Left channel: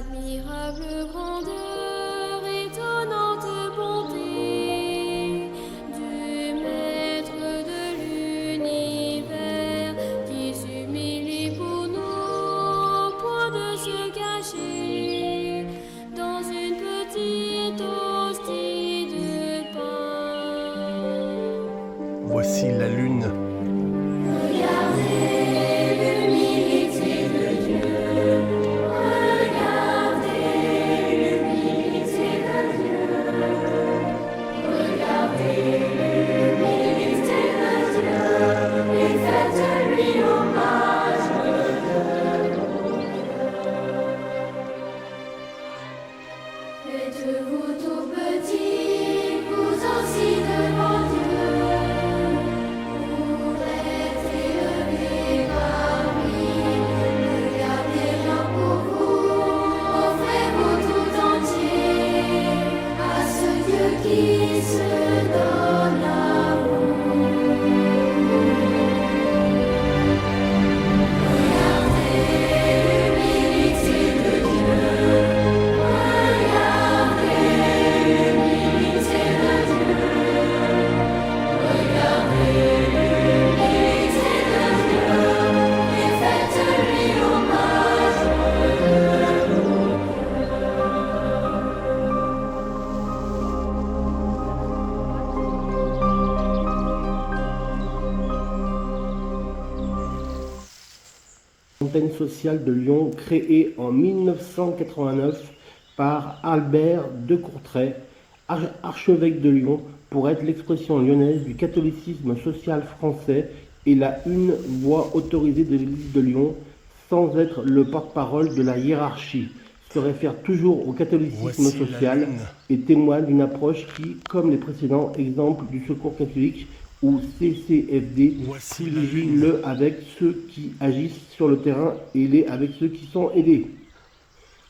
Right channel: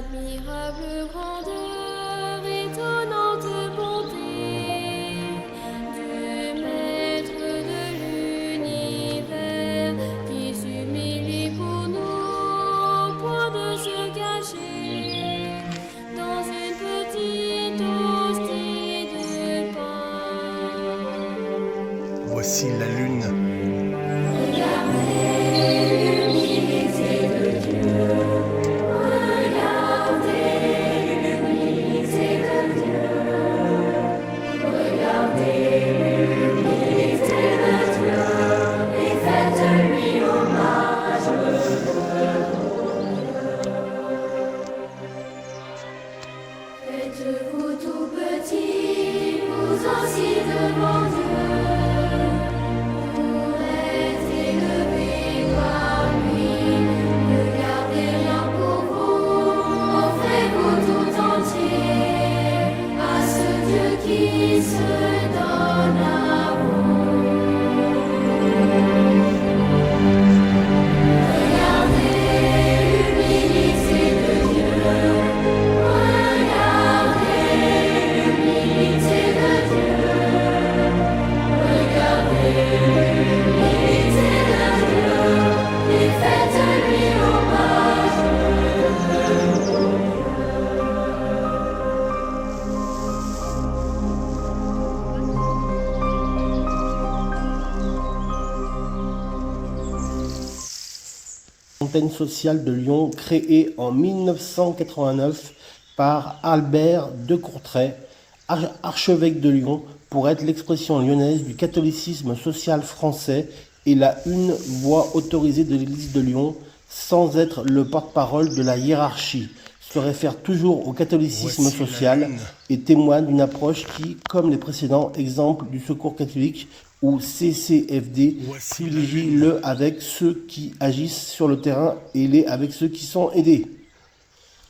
Admirable grandeur, étonnante bonté du Maître de l'univers qui s'humilie pour nous au point de se cacher dans une petite hostie de pain. Voici la lune. Regardez l'humilité de Dieu. Faites-vous tout petit, vous aussi devant Dieu, pour être élevé par lui. Ne gardez rien pour vous, offrez-vous tout entier à ce Dieu qui se donne à vous. Regardez l'humilité de Dieu. Antenne sociale de Lyon créée en 1989 par Albert de Courtrai, archevêque de Lyon, pour être l'expression lyonnaise du catholicisme social français et la une voix autorisée de l'Église de Lyon, sans être le porte-parole de la hiérarchie, se réfère toujours au catholicisme Voici social et témoigne d'une approche qui, comme les précédents exemples du Secours catholique ou CCFD, privilégie le avec ceux qui agissent sur le terrain et les avec ceux qui sont aidés.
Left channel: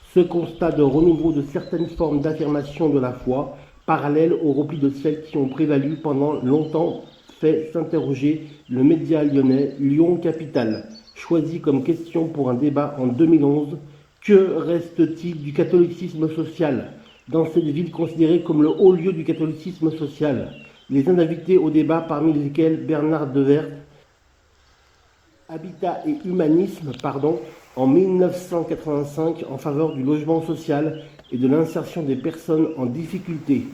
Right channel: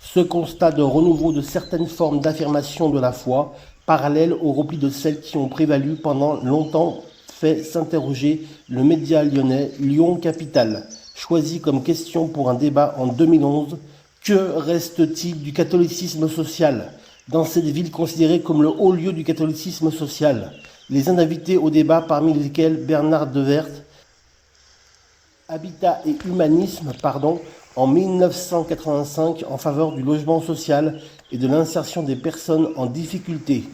Ce constat de renouveau de certaines formes d'affirmation de la foi, parallèle au repli de celles qui ont prévalu pendant longtemps, fait s'interroger le média lyonnais Lyon Capitale, choisi comme question pour un débat en 2011. Que reste-t-il du catholicisme social dans cette ville considérée comme le haut lieu du catholicisme social? Les invités au débat, parmi lesquels Bernard Devert, Habitat et Humanisme, en 1985 en faveur du logement social et de l'insertion des personnes en difficulté.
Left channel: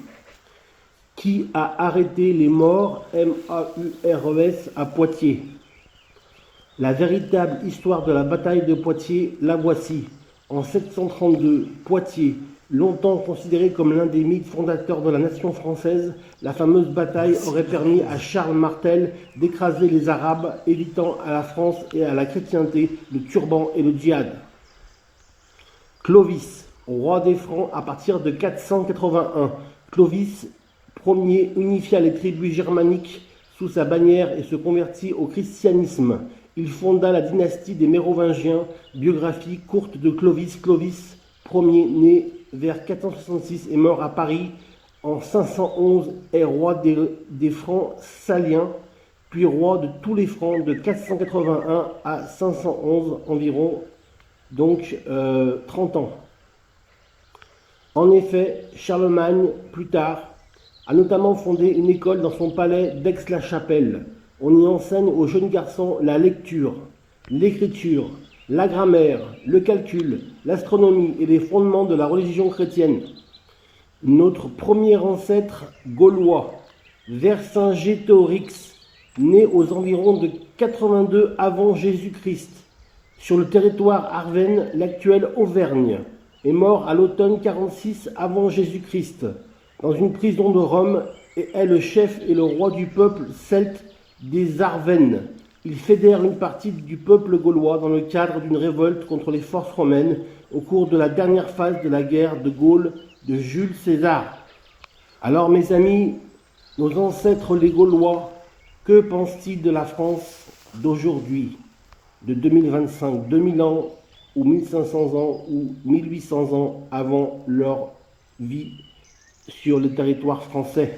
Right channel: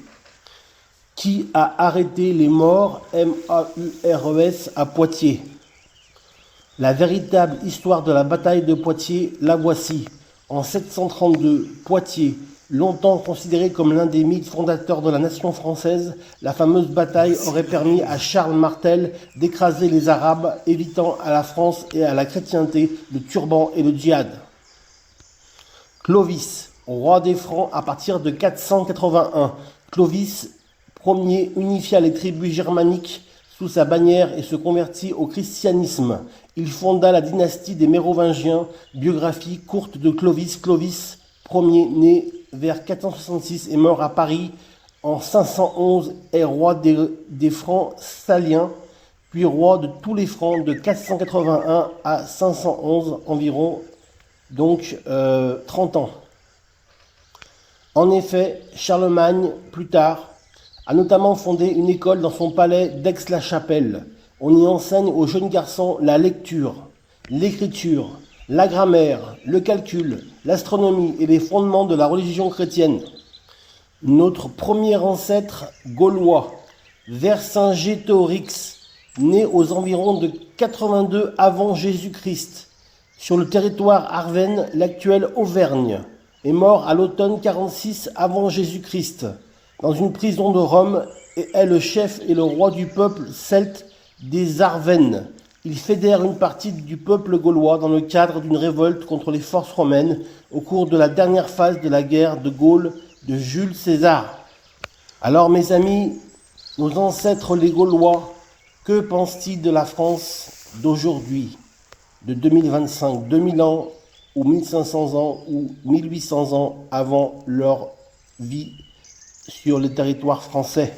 Qui a arrêté les morts MAURES à Poitiers? La véritable histoire de la bataille de Poitiers, la voici. En 732, Poitiers, longtemps considéré comme l'un des mythes fondateurs de la nation française, la fameuse bataille aurait permis à Charles Martel d'écraser les Arabes, évitant à la France et à la chrétienté le turban et le djihad. Clovis, roi des Francs à partir de 481. Clovis Ier unifia les tribus germaniques sous sa bannière et se convertit au christianisme. Il fonda la dynastie des Mérovingiens, biographie courte de Clovis. Clovis Ier, né vers 466 et mort à Paris en 511, est roi des Francs saliens, puis roi de tous les Francs de 481 à 511 environ, donc 30 ans. En effet, Charlemagne, plus tard, a notamment fondé une école dans son palais d'Aix-la-Chapelle. On y enseigne aux jeunes garçons la lecture, l'écriture, la grammaire, le calcul, l'astronomie et les fondements de la religion chrétienne. Notre premier ancêtre gaulois, Vercingétorix, né aux environs de 82 avant Jésus-Christ, sur le territoire arvenne, l'actuelle Auvergne, est mort à l'automne 46 avant Jésus-Christ, dans une prison de Rome, et est le chef et le roi du peuple celte des Arvennes. Il fédère une partie du peuple gaulois dans le cadre d'une révolte contre les forces romaines au cours de la dernière phase de la guerre de Gaule de Jules César. Alors mes amis, nos ancêtres les Gaulois, que pensent-ils de la France d'aujourd'hui, de 2025, 2000 ans ou 1500 ans ou 1800 ans avant leur vie sur le territoire français?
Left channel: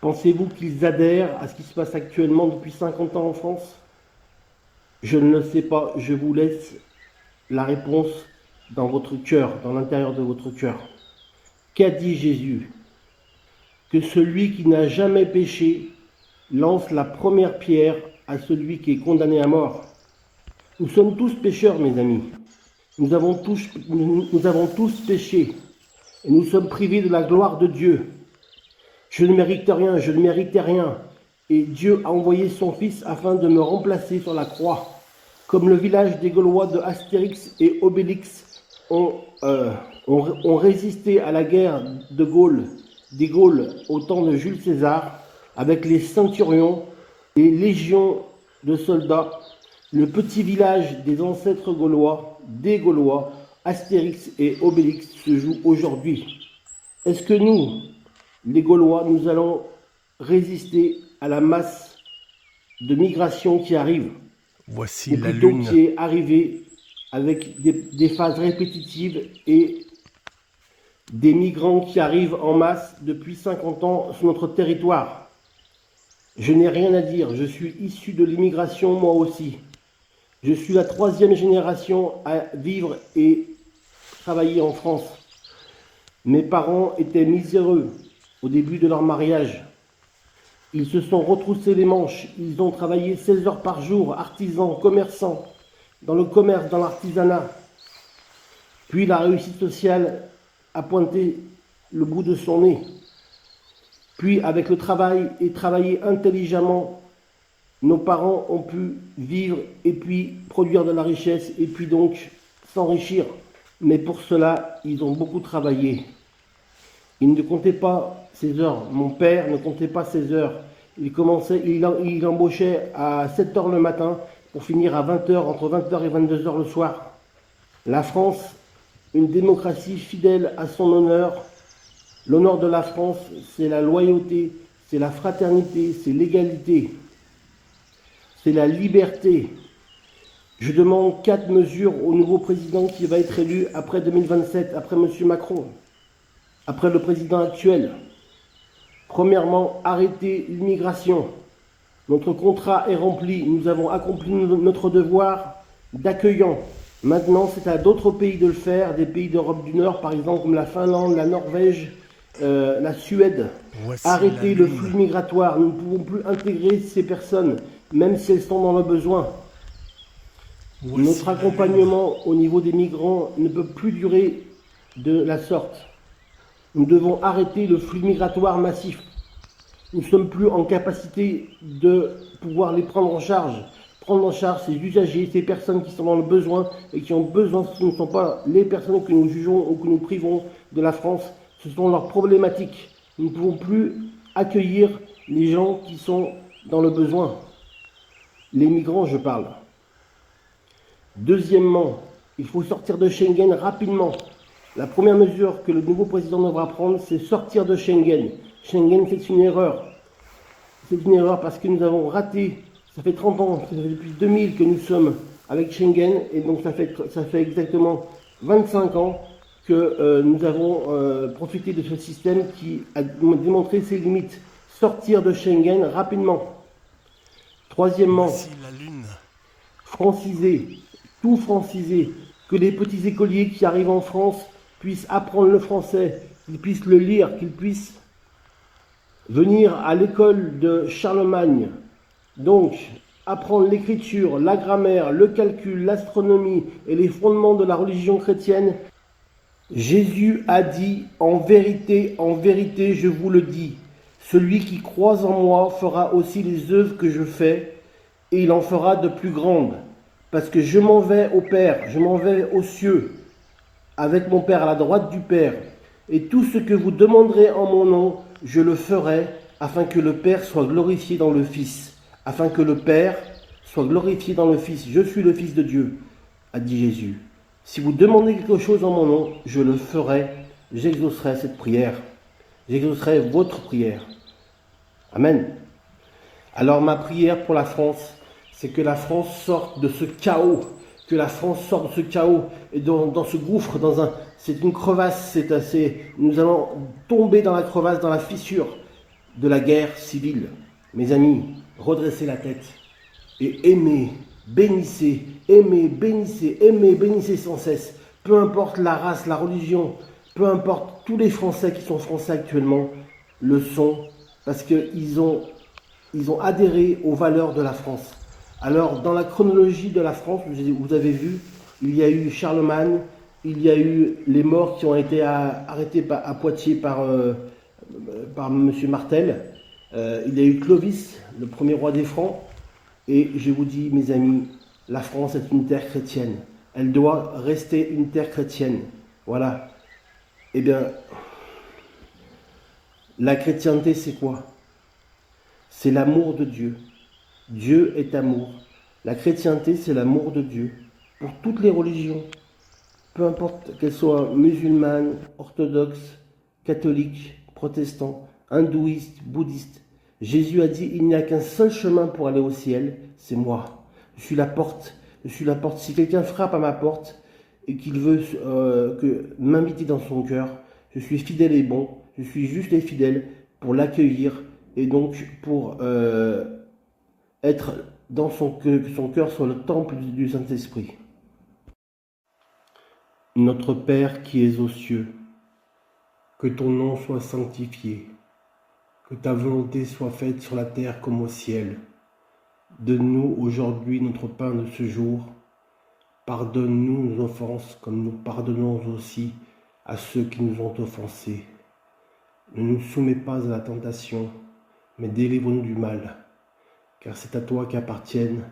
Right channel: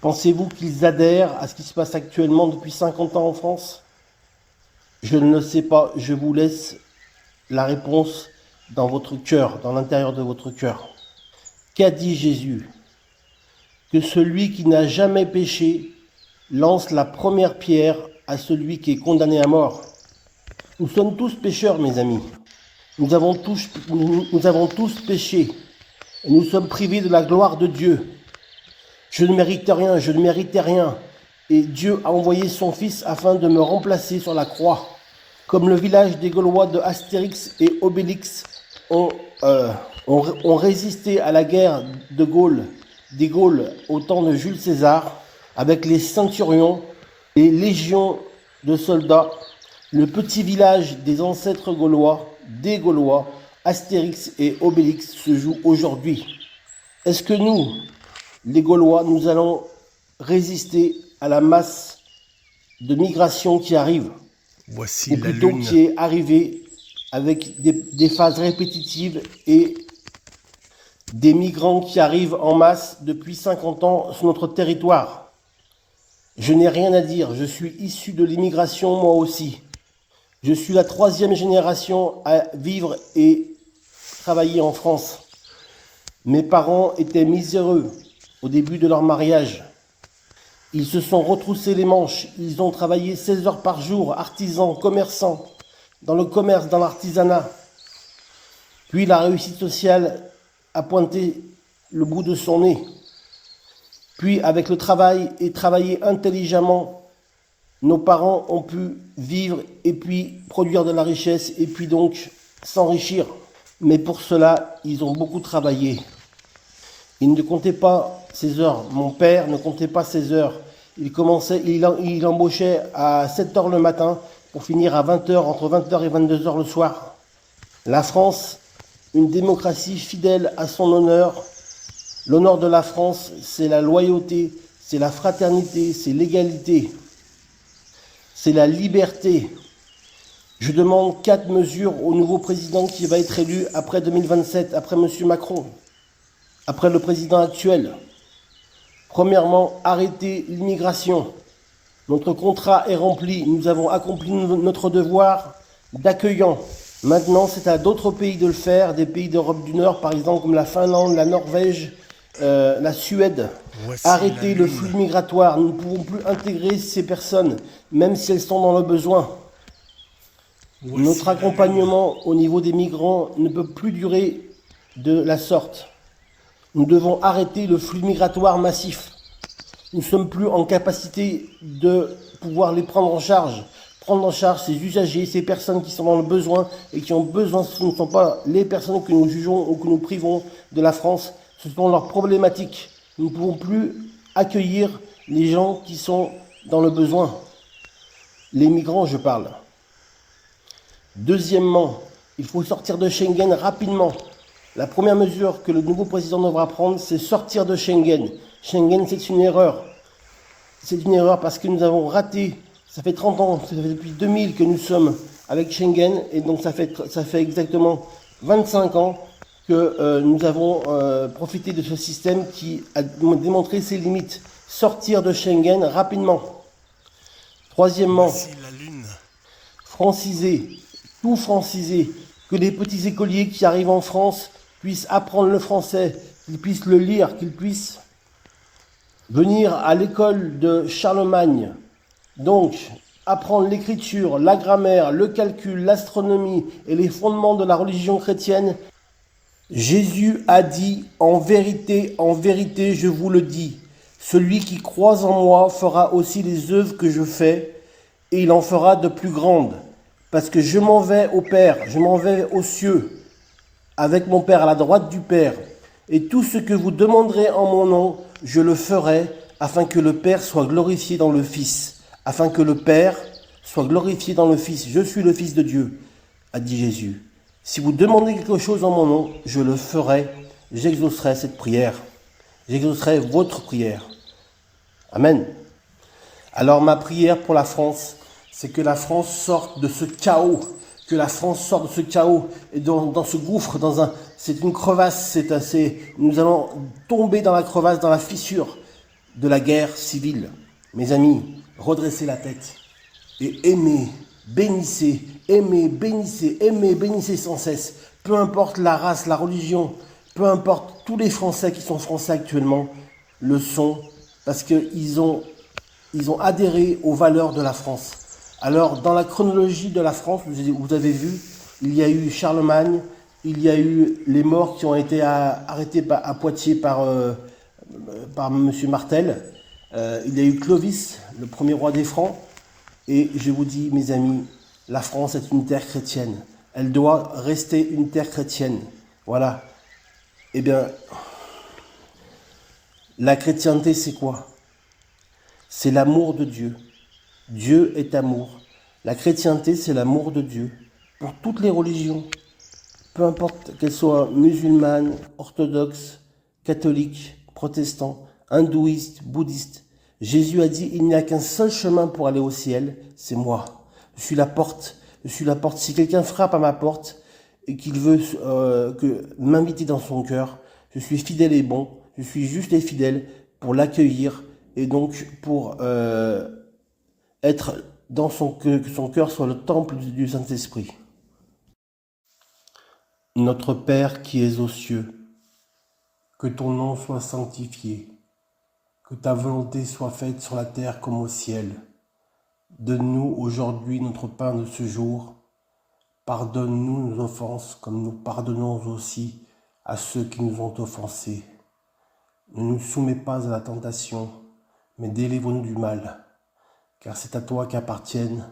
Pensez-vous qu'ils adhèrent à ce qui se passe actuellement depuis 50 ans en France? Je ne le sais pas, je vous laisse la réponse dans votre cœur, dans l'intérieur de votre cœur. Qu'a dit Jésus? Que celui qui n'a jamais péché lance la première pierre à celui qui est condamné à mort. Nous sommes tous pécheurs, mes amis. Nous avons tous péché. Et nous sommes privés de la gloire de Dieu. Je ne méritais rien. Et Dieu a envoyé son Fils afin de me remplacer sur la croix. Comme le village des Gaulois de Astérix et Obélix ont résisté à la guerre des Gaules au temps de Jules César, avec les centurions, les légions de soldats, le petit village des ancêtres gaulois, des Gaulois, Astérix et Obélix se joue aujourd'hui. Est-ce que nous, les Gaulois, nous allons résister à la masse de migration qui arrive? Voici Ou la plutôt lune. qui est arrivée avec des phases répétitives et des migrants qui arrivent en masse depuis 50 ans sur notre territoire. Je n'ai rien à dire, je suis issu de l'immigration moi aussi. Je suis la 3e génération à vivre et travailler en France. Mes parents étaient miséreux au début de leur mariage. Ils se sont retroussés les manches, ils ont travaillé 16 heures par jour, artisans, commerçants, dans le commerce, dans l'artisanat. Puis la réussite sociale a pointé le bout de son nez. Puis avec le travail et travailler intelligemment, nos parents ont pu vivre et puis produire de la richesse et puis donc s'enrichir. Mais pour cela, ils ont beaucoup travaillé. Il ne comptait pas ses heures. Mon père ne comptait pas ses heures. Il embauchait à 7 heures le matin pour finir à 20 heures, entre 20 heures et 22 heures le soir. La France, une démocratie fidèle à son honneur. L'honneur de la France, c'est la loyauté, c'est la fraternité, c'est l'égalité, c'est la liberté. Je demande 4 mesures au nouveau président qui va être élu après 2027, après M. Macron, après le président actuel. Premièrement, arrêter l'immigration. Notre contrat est rempli, nous avons accompli notre devoir d'accueillant. Maintenant, c'est à d'autres pays de le faire, des pays d'Europe du Nord, par exemple comme la Finlande, la Norvège, la Suède. Voici Arrêter la le lune. flux migratoire. Nous ne pouvons plus intégrer ces personnes, même si elles sont dans le besoin. Voici Notre la accompagnement au niveau des migrants ne peut plus durer de la sorte. Nous devons arrêter le flux migratoire massif. Nous ne sommes plus en capacité de pouvoir les prendre en charge. Prendre en charge ces usagers, ces personnes qui sont dans le besoin et qui ont besoin, ce ne sont pas les personnes que nous jugeons ou que nous privons de la France, ce sont leurs problématiques. Nous ne pouvons plus accueillir les gens qui sont dans le besoin. Les migrants, je parle. Deuxièmement, il faut sortir de Schengen rapidement. La première mesure que le nouveau président devra prendre, c'est sortir de Schengen. Schengen, c'est une erreur. C'est une erreur parce que nous avons raté, ça fait 30 ans, ça fait depuis 2000 que nous sommes avec Schengen, et donc ça fait exactement 25 ans que nous avons profité de ce système qui a démontré ses limites. Sortir de Schengen rapidement. Troisièmement, Voici la lune. franciser, tout franciser, que les petits écoliers qui arrivent en France puissent apprendre le français, qu'ils puissent le lire, qu'ils puissent venir à l'école de Charlemagne. Donc, apprendre l'écriture, la grammaire, le calcul, l'astronomie et les fondements de la religion chrétienne. Jésus a dit, en vérité, je vous le dis, celui qui croit en moi fera aussi les œuvres que je fais, et il en fera de plus grandes. Parce que je m'en vais au Père, je m'en vais aux cieux, avec mon Père à la droite du Père. Et tout ce que vous demanderez en mon nom, je le ferai, afin que le Père soit glorifié dans le Fils. Afin que le Père soit glorifié dans le Fils. Je suis le Fils de Dieu, a dit Jésus. Si vous demandez quelque chose en mon nom, je le ferai, j'exaucerai cette prière. J'exaucerai votre prière. Amen. Alors ma prière pour la France, c'est que la France sorte de ce chaos, que la France sorte de ce chaos et dans ce gouffre, c'est une crevasse, nous allons tomber dans la crevasse, dans la fissure de la guerre civile. Mes amis, redressez la tête et aimez, bénissez sans cesse peu importe la race, la religion, peu importe, tous les Français qui sont Français actuellement le sont parce qu'ils ont adhéré aux valeurs de la France. Alors, dans la chronologie de la France, vous avez vu, il y a eu Charlemagne, il y a eu les morts qui ont été arrêtés à Poitiers par M. Martel, il y a eu Clovis, le premier roi des Francs, et je vous dis, mes amis, la France est une terre chrétienne. Elle doit rester une terre chrétienne. Voilà. Eh bien, la chrétienté, c'est quoi? C'est l'amour de Dieu. Dieu est amour. La chrétienté, c'est l'amour de Dieu. Pour toutes les religions, peu importe qu'elles soient musulmanes, orthodoxes, catholiques, protestants, hindouistes, bouddhistes. Jésus a dit, il n'y a qu'un seul chemin pour aller au ciel, c'est moi. Je suis la porte. Je suis la porte. Si quelqu'un frappe à ma porte et qu'il veut m'inviter dans son cœur, je suis fidèle et bon. Je suis juste et fidèle pour l'accueillir et donc pour être dans que son cœur soit le temple du Saint-Esprit. Notre Père qui es aux cieux, que ton nom soit sanctifié, que ta volonté soit faite sur la terre comme au ciel. Donne-nous aujourd'hui notre pain de ce jour. Pardonne-nous nos offenses comme nous pardonnons aussi à ceux qui nous ont offensés. Ne nous soumets pas à la tentation, mais délivre-nous du mal, car c'est à toi qu'appartiennent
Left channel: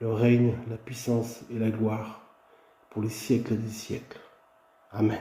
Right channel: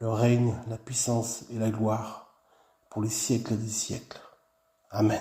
le règne, la puissance et la gloire pour les siècles des siècles. Amen.